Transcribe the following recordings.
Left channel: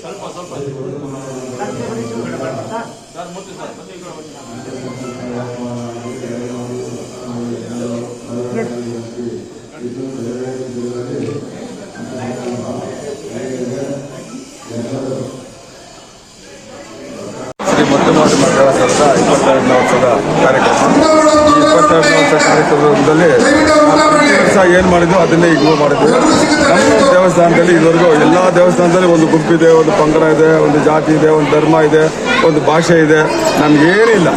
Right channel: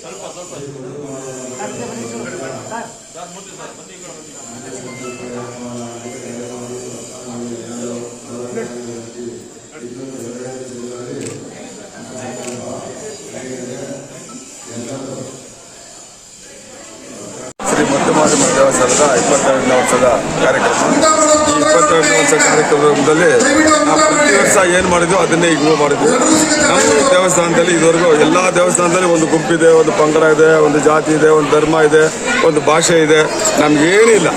ಸ್ವಲ್ಪ ಸ್ವಲ್ಪ ಸರ್ ಮುಚ್ಚಿ ಸರ್ ಬಂದು ಈ ಕಡೆ ಬಂದು ಶ್ರೀ ಮುತ್ತುಮಾರಮ್ಮ ದೇವಸ್ಥಾನದ ಇಪ್ಪತ್ತೆರಡನೇ ವರ್ಷದ ಕಾರ್ಯಕ್ರಮ. ಈ ಇಪ್ಪತ್ತೆರಡನೇ ವರ್ಷ ಕಾರ್ಯಕ್ರಮದಲ್ಲಿ ವರ್ಷ ಏನು ಮಾಡಿದ್ವಿ? ಅದನ್ನೇ ಈಗ ಮಾಡಿದ್ವಿ. ನಮ್ಮ ದೇವಸ್ಥಾನದಲ್ಲಿ ಇದುವರೆಗೂ ಎಲ್ಲ ದೇವಸ್ಥಾನದಲ್ಲಿ ಒಂದು ಗುಂಪಿದೆ, ಒಂದು ಪಂಗಡ ಇದೆ, ಒಂದು ಜಾತಿ ಇದೆ, ಒಂದು ಧರ್ಮ ಇದೆ, ಒಂದು ಭಾಷೆ ಇದೆ. ನಮ್ಗೇನಿಲ್ಲ.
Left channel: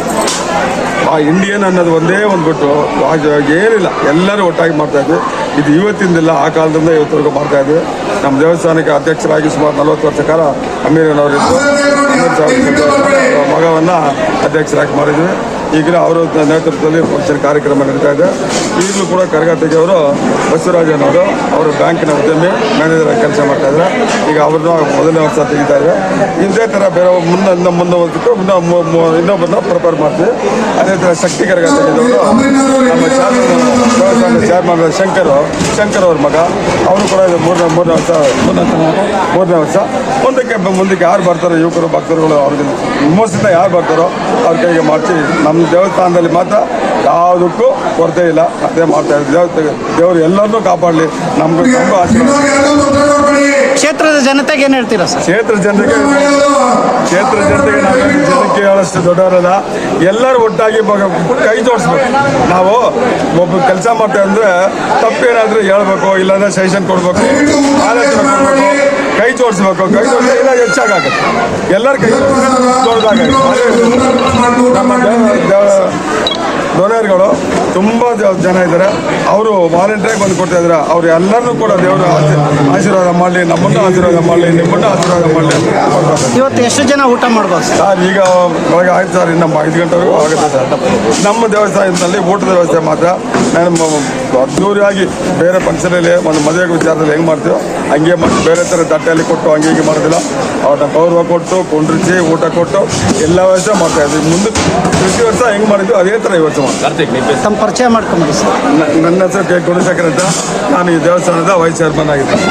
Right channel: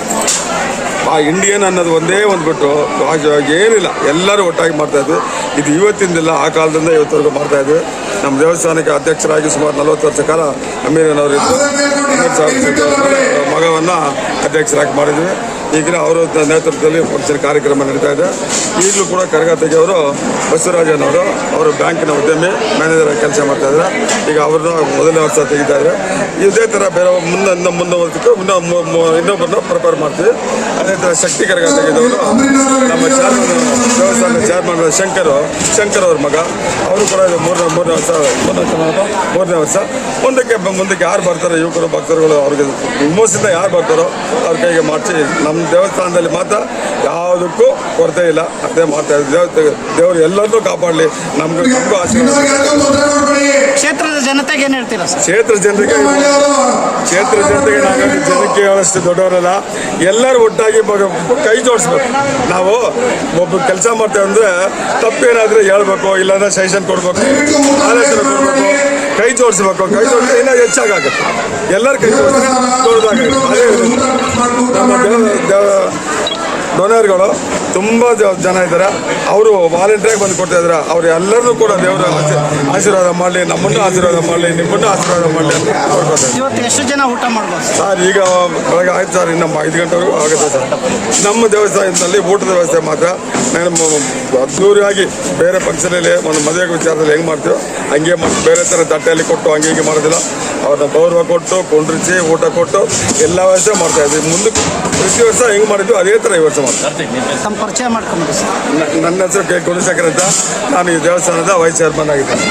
ಆ ಇಂಡಿಯನ್ ಅನ್ನೋದು ಒಂದೇ ಒಂದು ಬಿಟ್ಟು ಏನಿಲ್ಲ, ಎಲ್ಲರೂ ಒಟ್ಟಾಗಿ ಮಾಡ್ತಾ ಇದ್ವಿ. ಇದು ಇವತ್ತಿಂದಿಲ್ಲ, ಆ ಕಾಲದಿಂದ ಇವತ್ತರೆಗೂ ಮಾಡ್ತಾ ಇದ್ವಿ. ನಮ್ಮ ದೇವಸ್ಥಾನಕ್ಕೆ ಅಧ್ಯಕ್ಷರಾಗಿ ಸುಮಾರು ನಲವತ್ತು ವರ್ಷ ಕಾಲ ಅಮೀರನವರಿದ್ದು ಅಮೀರ್ ಸಾಹೇಬ್ ಅವರ ಮಗವನ್ನ ಅಧ್ಯಕ್ಷರಾಗಿ ಮಾಡಿದ್ವಿ. ಈಗಿನ ಅವರ ನೇತೃತ್ವದಲ್ಲಿ ಪಕ್ಷದ ಕಾರ್ಯಕ್ರಮ ನಡೀತಾ ಇದೆ. ಈಗಲೂ ಕೂಡ ಕರಗ ಅವರು ಬಸವರಾಜನವರು ಅವರು ಬ್ಯಾಂಕಿನ ಉದ್ಯಮಿ, ಮ್ಯಾನೇಜರ್ ಕೆಲಸ ಮಾಡ್ತಾ ಇದ್ದಾರೆ. ಈಗ ಅವ್ರನ್ನ ಮೊದಲನೇ ವರ್ಷ ತೆಗಿತಾ ಇದ್ದಾರೆ. ಇದೇ ಥರ ಬೇರೆ ಮುಂದೆ ಇನ್ನೊಂದು ಮುಂದೆ ಇನ್ನೂ ಮು- ಮು- ಇನ್ನೊಬ್ಬರನ್ನ ಪ್ರಿಪೇರ್ ಮಾಡ್ತೀವಿ. ಅದೇ ಥರ ಶಕ್ತಿ ಕರಗಾತಿಗೆದವರು ನಮ್ಮ ಚಾರ್ಮನ್ ಶಂಕರ್ ಶಂಕರ್ ಅವ್ರ ಮಗ. ಅವರು ಕೂಡ ಇದು ಮೂರನೇ ಮೂರನೇ ವರ್ಷ ಮೂರನೇ ವರ್ಷ ಮುಂದಕ್ಕೆ ಮುಂದಕ್ಕೆ ಯಾರು ಬರ್ತಾರೋ, ಯುವಕರು, ಭಕ್ತರುಗಳು ಅವ್ರಿಗೆ ವಿಮೋಸಿತ ಯಾರು ಬರ್ತಾರೋ, ಅವ್ರ ಕೈಗೆ ಮಾಡಿಸಿ ನಮ್ಮ ದೇವಸ್ಥಾನದಲ್ಲಿ ಮಾತ್ರ ಯಾವುದಕ್ಕೂ ಕೊರತೆ ಇಲ್ಲ. ಅದೇ ಮಾಡ್ತಾ ಇದ್ದೀವಿ. ದೇವ ದೇವರು ಎಲ್ಲರನ್ನೂ ಕಾಪಾಡಲಿ. ನಮಗೂ ತುಂಬ ಆಶೀರ್ವಾದ. ಕ್ಷೇತ್ರದ ಜನತೆಗೆ ಏನು ಹೇಳ್ತೀರಾ ಸರ್? ಕ್ಷೇತ್ರ ಜನರಿಗೆ ಕ್ಷೇತ್ರ ಜನತೆಗೆ ನಾವೇನು ಜನಕ್ಕೆ ಹೇಳೋಷ್ಟು ದೊಡ್ಡವರಲ್ಲ. ಎಲ್ಲರೂ ಒಟ್ಟಾಗಿ ಕೈ ಜೋಡಿಸ್ಬೇಕು. ನಾವು ಒಬ್ಬ ಕೆಲಸ ಮಾಡ್ತೇವೆ ಅಂದ್ರೆ ತಪ್ಪೇನಾದ್ರೂ ಹೇಳ್ಬೇಕು ಇಲ್ಲಾಂದ್ರೆ ಸಜೆಷನ್ ಕೊಡ್ಬೇಕು. ಆಲೋಚನೆ ಕೊಡ್ಬೇಕು. ಕೈ ಜೋಡಿಸ್ಬೇಕು ಕೈ ಜೋಡಿಸಿ ಇನ್ನೂ ಹೆಚ್ಚಾಗುತ್ತೆ ಎಲ್ಲರೂ ಕೈ ನಮ್ಮ ದೇವ ದೇವ ತುಂಬ ಜನ ಇದ್ದಾರೆ. ಅವರು ವಾಲಂಟಿಯರ್ ಬಂದು ಕೊಡ್ತಾ ಇದ್ದಾರೆ. ಅವ್ರು ಎಲ್ಲರನ್ನೂ ಕೂಡ ದೇವರ ಆಶೀರ್ವಾದ ಮಾಡಲಿ ನಮ್ಮನ್ನು ಆಶೀರ್ವಾದ ಮಾಡಲಿ ನಿಮ್ಮನ್ನು ಆಶೀರ್ವಾದ ಮಾಡಲಿ ಇವತ್ತು ಎಷ್ಟು ಜನ ಊಟ ಮಾಡ್ಬೋದು? ಸರ್ ಈಗ ಬೆಳಗ್ಗೆ ಆಯ್ತು ಸರ್ ನಮ್ಮ ಐದು ಗಂಟೆವರೆಗೂ ಆಗುತ್ತೆ ಸರ್. ನಮ್ಮ ದೇವಸ್ಥಾನದಲ್ಲಿ ಊಟದ ವ್ಯವಸ್ಥೆ ಮಾತ್ರ. ನಮ್ಮ ಅದ್ದೂರಿಯಾಗಿ ಬೇರೆ ಫಂಕ್ಷನಲ್ಲಿ ಒಂದು ಮದುವೆ ವಿಚಾರದಲ್ಲಿ ಹೆಂಗೆ ಮಾಡ್ತೀವೋ ಹಂಗೆ ಮತ್ತೆ ಬೇರೆ ಥರ ತಟ್ಟೆಯಲ್ಲಿ ಕೊಟ್ಟು ಹಂಗೆ ಹೀಗೆ ಮಾಡೋದಿಲ್ಲ. ಅವ್ರನ್ನ ಗೌರವ ಕೊಟ್ಟು ಕುಂಡ್ರಿಸಿ ಊಟ ಕೊಟ್ಟು ಎಲ್ಲ ವ್ಯವಸ್ಥೆ ಮಾಡ್ತಾ ಇದ್ವಿ ಮುಂದೆ ಪ್ರತಿ ವರ್ಷ ಹೆಂಗೆ ಮಾಡಿದ್ವಿ ಅದೇ ಥರ ಈ ವರ್ಷ ಮಾಡ್ತೀವಿ ತಮ್ಮ ಪರಿಚಯ ಮಾಡ್ಕೊಂಬಿಡಿ ಸರ್. ನನ್ನ ಹೆಸರು ಕೆ. ಗುಣಶೇಖರ್ ಅಂತ. ನಾನು ಈ ದೇವಸ್ಥಾನದ ವೈಸ್ ಚೇರ್ಮನ್ ಆಗಿದ್ದೀನಿ.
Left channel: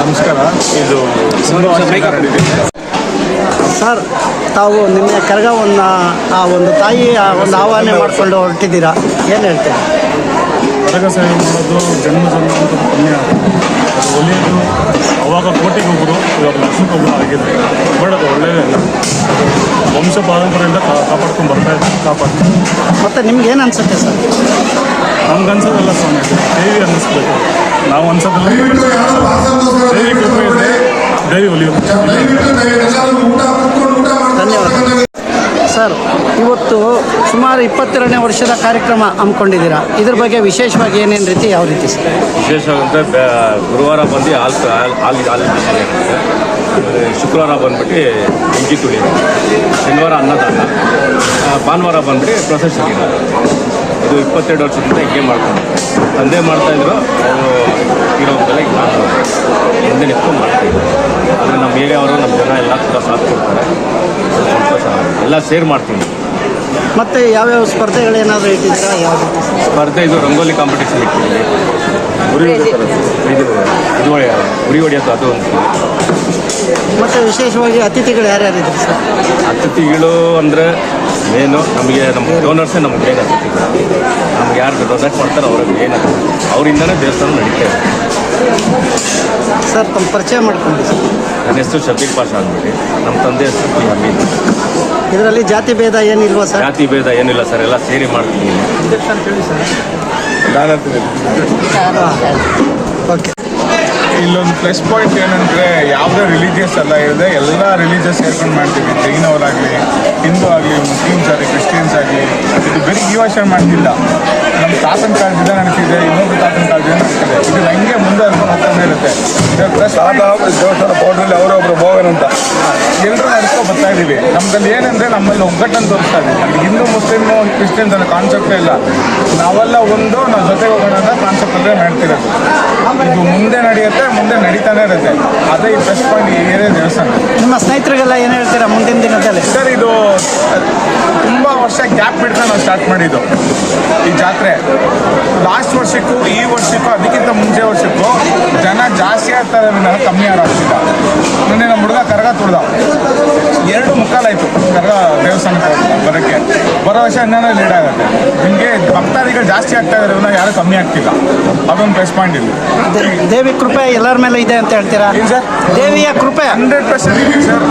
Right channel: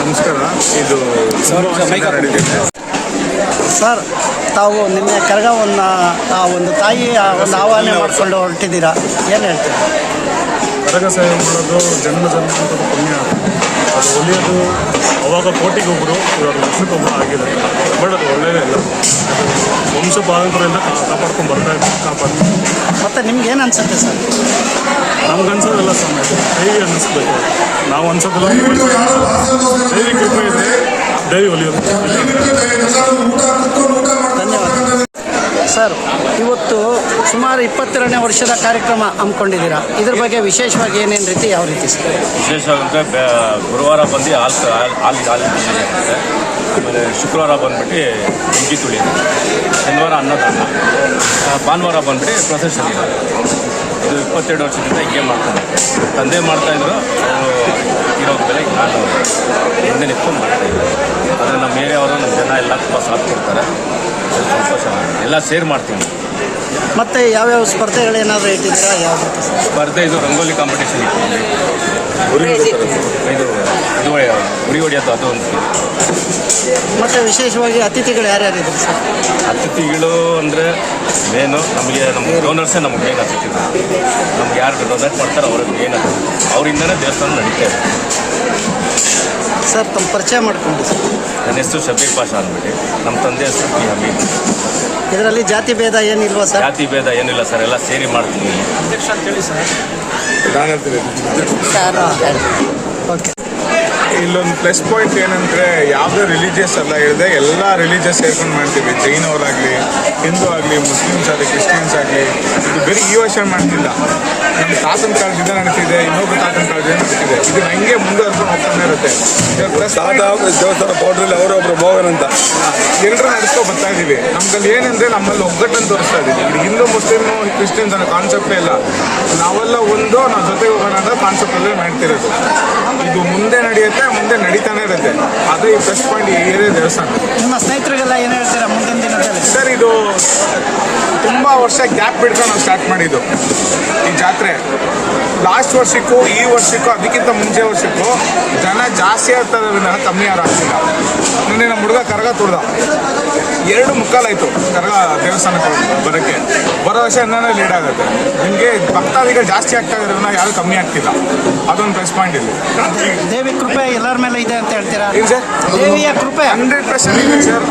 ನಮಸ್ಕಾರ. ಇದು ಸರ್ ತಾವು ನಿನ್ನೆ ಕರಗವನ್ನ ಆ ಒಂದು ತಾಯಿ ಆ ಒಂದು ಆಹ್ವಾನ ಮಾಡಿಕೊಂಡು ಹೊರಟಿದ್ದೀರಾ? ಏನು ಹೇಳ್ತೀರಾ? ಕರಗ ಸೇವೆ ಮಾಡೋದು ಜನ್ಮ ಜನ್ಮಾಂತದ ಪುಣ್ಯ. ಅದು ಒಲಿಯೋದು ಅವಾಗ ಕೋಟಿಗೊಬ್ಬರು ಇವಾಗ ಲಕ್ಷಕ್ಕೊಬ್ಬರು ಆಗಿದೆ ಬಟ್ ಅದು ಒಳ್ಳೆಯದೇ ಅಲ್ಲ. ಅದು ವಂಶ ಪಾರಂಪರೆಯಿಂದ ಕಾ ಕಾಪಾಡ್ಕೊಂಡು ಬರ್ತಾ ಇದ್ದೀವಿ ಕಾಪಾಡ್ತೀವಿ ಮತ್ತು ನಿಮ್ಗೆ ಏನು ಅನ್ಸುತ್ತೆ ಸರ್? ನಮ್ಗೆ ಅನ್ಸೋದಲ್ಲ ಸ್ವಾಮಿ ಅದು ದೇವಿ ಅನ್ನಿಸ್ಬೇಕು. ನಾವು ಅನ್ಸೋದಿಲ್ಲ ದೇವಿ ಕೃಪೆ ಇದೆ ದೇವಿ ಒಲಿಯೋದು ಧನ್ಯವಾದ. ಸರ್, ಇವತ್ತು ಸುಮಾರು ಇಪ್ಪತ್ತೆರಡನೇ ವರ್ಷದ ಕಾರ್ಯಕ್ರಮ ಹಮ್ಮಿಕೊಂಡಿದ್ದೀರಾ? ಇದ್ರ ಬಗ್ಗೆ ವಿಶೇಷವಾಗಿ ಏನೇನು ರೀತಿ, ಯಾವ ರೀತಿ ಸರ್? ವಿಶೇಷವಾದಂತೆ ಗುರುವಾರ ಬಂದು ಹಾಲು ಹಾಲು ಬಿಸಿ ಆಮೇಲೆ ಶುಕ್ರವಾರ ಬಂದ್ಬಿಟ್ಟು ಇಂಜಿ ತುಳಿ. ಶನಿವಾರ ಅನ್ನದಾನ. ಭಾನುವಾರ ಬಂದ್ಬಿಟ್ಟು ಪ್ರೊಸೆಷನ್ ಇದು ಇಪ್ಪತ್ತೆರಡು ವರ್ಷದಿಂದ ಹೀಗೆ ಮಾಡ್ಕೊಂಡು ತಂದೆ ಮಾಡ್ತಾಯಿದ್ರು ಅವರು ಇರೋ ಬೆಲೆ ನಾನು ಮುಂದೆ ನಿಂತ್ಕೊಂಡು ಮಾಡ್ತಾಯಿದ್ದೆ ಆದರೆ ನಮ್ಮ ಏರಿಯಾವರು ನಮ್ಮ ಜನ ಎಲ್ಲ ತುಂಬ ಸಾಥ್ ಕೊಡ್ತಾರೆ. ಸ್ವಲ್ಪ ಎಲ್ಲ ಸೇರ್ ಮಾಡ್ತೀನಿ. ಮತ್ತೆ ಯಾವ್ಯಾವ ಸ್ಪರ್ಧೆಗಳೇನಾದರೂ ಇಟ್ಟಿದ್ದೀರಾ ಯಾವುದು? ಸ್ಪರ್ಧೆ ಇದು ರಂಗೋಲಿ ಕಾಂಪಿಟೇಷನ್ ಇಟ್ಟಿದ್ದೀವಿ ಉರಿ ಇದು ಇದು ಉರಿ ಹೊಡೆಯೋದು ಅದು ಒಂದು. ಮತ್ತು ವಿಶೇಷವಾಗಿ ಅತಿಥಿಗಳು ಯಾರ್ಯಾರಿದ್ರು ಸರ್? ಅತಿಥಿಗಳು ಅಂದರೆ ಮೇನು ನಮಗೆ ನಮ್ಮ ಡೋನರ್ಸೇ ನಮ್ಗೆ ಮೇನ್ ಅತಿಥಿಗಳು. ನಮ್ಗೆ ಯಾರು ಡೊನೇಟ್ ಮಾಡ್ತಾರೋ ಅವ್ರಿಗೆ ಮೇನ್ ಅತಿಥಿ. ಅವರಿಂದನೇ ದೇವಸ್ಥಾನ ನಡೀತಾ ಇದೆ. ಸರ್ ತಮ್ಮ ಪರಿಚಯ ಮಾಡ್ಕೊಂಡ್ಬಿಟ್ಟು ನನ್ನ ಹೆಸರು ಶಬೀರ್ ಪಾಷಾ ಅಂದ್ಬಿಟ್ಟು. ನಮ್ಮ ತಂದೆ ಹೆಸರು ಪಿ ಹಮೀದ್ ಇದರಲ್ಲಿ ಜಾತಿ ಭೇದ ಏನಿಲ್ವಾ ಸರ್? ಜಾತಿ ಭೇದ ಏನಿಲ್ಲ ಸರ್ ಎಲ್ಲ ಸೇರಿ ಮಾಡ್ತೀನಿ ಓಕೆ. ಇಲ್ಲೊಂದು ಪ್ಲಸ್ ಪಾಯಿಂಟ್ ಏನಂದ್ರೆ ಯಾವುದೇ ರಿಲಿಜಿಯಸ್ ಅಲ್ಲ ಇರದೆ ಎಲ್ಲ ರಿಲಿಜಿಯಸ್ ಸೇರ್ಕೊಂಡು ಮಾಡ್ತೀವಿ. ಜೈನವರಾಗಲಿ ಹಿಂದೂ ಆಗಲಿ ಮುಸ್ಲಿಮ್ಸ್ ಆಗಲಿ ಕ್ರಿಶ್ಚಿಯನ್ಸ್ ಆಗಲಿ ಇದು ಬರೀ ಈ ವರ್ಷ ಮಾಡ್ತಿಲ್ಲ. ನಮ್ಮ ತಾತನ ಕಾಲದಿಂದ ನಡೀತಿದೆ ಹೋಗ್ತಾನೆ ಇರುತ್ತೆ. ಪ್ಲಸ್ ತಾತ ದೇವಸ್ಥಾನ ಪೌಡ್ರಲ್ಲಿ ಅವರೊಬ್ರು ಭೋಗನ್ ಅಂತ. ಎಲ್ಲರೂ ನಡ್ಸ್ಕೊ ಬರ್ತಾ ಇದೀವಿ. ನಮ್ದಲ್ಲಿ ಏನಂದ್ರೆ ನಮ್ಮಲ್ಲಿ ಒಗ್ಗಟ್ಟನ್ನು ತೋರಿಸ್ತಾ ಇದೀವಿ. ಹಿಂದೂ ಮುಸ್ಲಿಮ್ ಕ್ರಿಶ್ಚಿಯನ್ಸ್ ಅನ್ನೋ ಕಾನ್ಸೆಪ್ಟೇ ಇಲ್ಲ. ನಾವೆಲ್ಲ ಒಂದು ನಾವು ಜೊತೆಗೆ ಹೋಗೋಣ ಅನ್ನೋ ಕಾನ್ಸೆಪ್ಟ್ ಅಲ್ಲೇ ಮಾಡ್ತಿರೋದು. ಇದು ಮುಂದೆ ನಡೆಯುತ್ತೆ ಮುಂದೆ ನಡೀತಾನೆ ಇರುತ್ತೆ. ಅದೇ ಈ ಪ್ಲಸ್ ಪಾಯಿಂಟ್ ಏರಿಯಾ ದೇವಸ್ಥಾನ. ನಿಮ್ಮ ಸ್ನೇಹಿತರಿಗೆಲ್ಲ ಏನು ಹೇಳ್ತೀರಾ ಮುಂದಿನ ದಿನದಲ್ಲಿ? ಸರ್ ಇದು ತುಂಬ ವರ್ಷ ಗ್ಯಾಪ್ ಬಿಡ್ತಾ ನಾವು ಸ್ಟಾರ್ಟ್ ಮಾಡಿದ್ದು. ಈ ಜಾತ್ರೆ. ಲಾಸ್ಟ್ ವರ್ಷಕ್ಕೂ, ಈ ವರ್ಷಕ್ಕೂ, ಅದಕ್ಕಿಂತ ಮುಂಚೆ ವರ್ಷಕ್ಕೂ ಜನ ಜಾಸ್ತಿ ಆಗ್ತಾರೆ ಕಮ್ಮಿ ಯಾರು ಮುಂದೆ ನಮ್ಮ ಹುಡುಗ ಕರಗ ತುಳ್ದ ಎರಡು ಮುಕ್ಕಾಲಾಯಿತು ಕರಗ ದೇವಸ್ಥಾನಕ್ಕೆ ಬರೋಕ್ಕೆ. ಬರೋ ವರ್ಷ ಇನ್ನೇನೋ ಲೇಟ್ ಆಗುತ್ತೆ. ನಿಮಗೆ ಭಕ್ತಾದಿಗಳು ಜಾಸ್ತಿ ಆಗ್ತಾ ಇದ್ದಾರೆ ಯಾರು ಕಮ್ಮಿ ಆಗ್ತಿಲ್ಲ. ಅದೊಂದು ಪ್ಲಸ್ ಪಾಯಿಂಟ್ ಇಲ್ಲಿ ದೇವಿ ಕೃಪೆ ಎಲ್ಲರ ಮೇಲೆ ಇದೆ ಅಂತ ಹೇಳ್ತೀರಾ? ದೇವಿಯ ಕೃಪೆ. ಹಂಡ್ರೆಡ್ ಪರ್ಸೆಂಟ್ ಇದೆ ಸರ್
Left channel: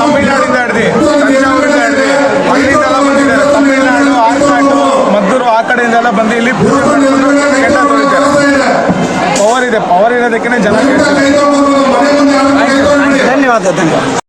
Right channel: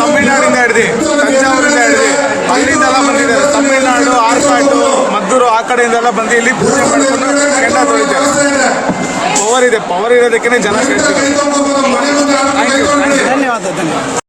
ತಮಿಳ್ನಾಡಿಂದ ಹಿಡ್ದು ತಂಜಾವೂರಿಂದ ಹಿಡ್ದು ಅಲ್ಲಿಂದೆಲ್ಲ ಬಂದಿದ್ದಾರೆ ತಮಿಳ್ನಾಡು ಆರ್ಕಾಡು ಮದ್ದೂರು ಆ ಕಡೆಯಿಂದೆಲ್ಲ ಬಂದು ಇಲ್ಲಿ ಪೂಜೆ ಪವರ್ ಇದೆ. ಪವರ್ ಇರೋದಕ್ಕೆ ಜನ ಧನ್ಯವಾದ ಧನ್ಯವಾದ.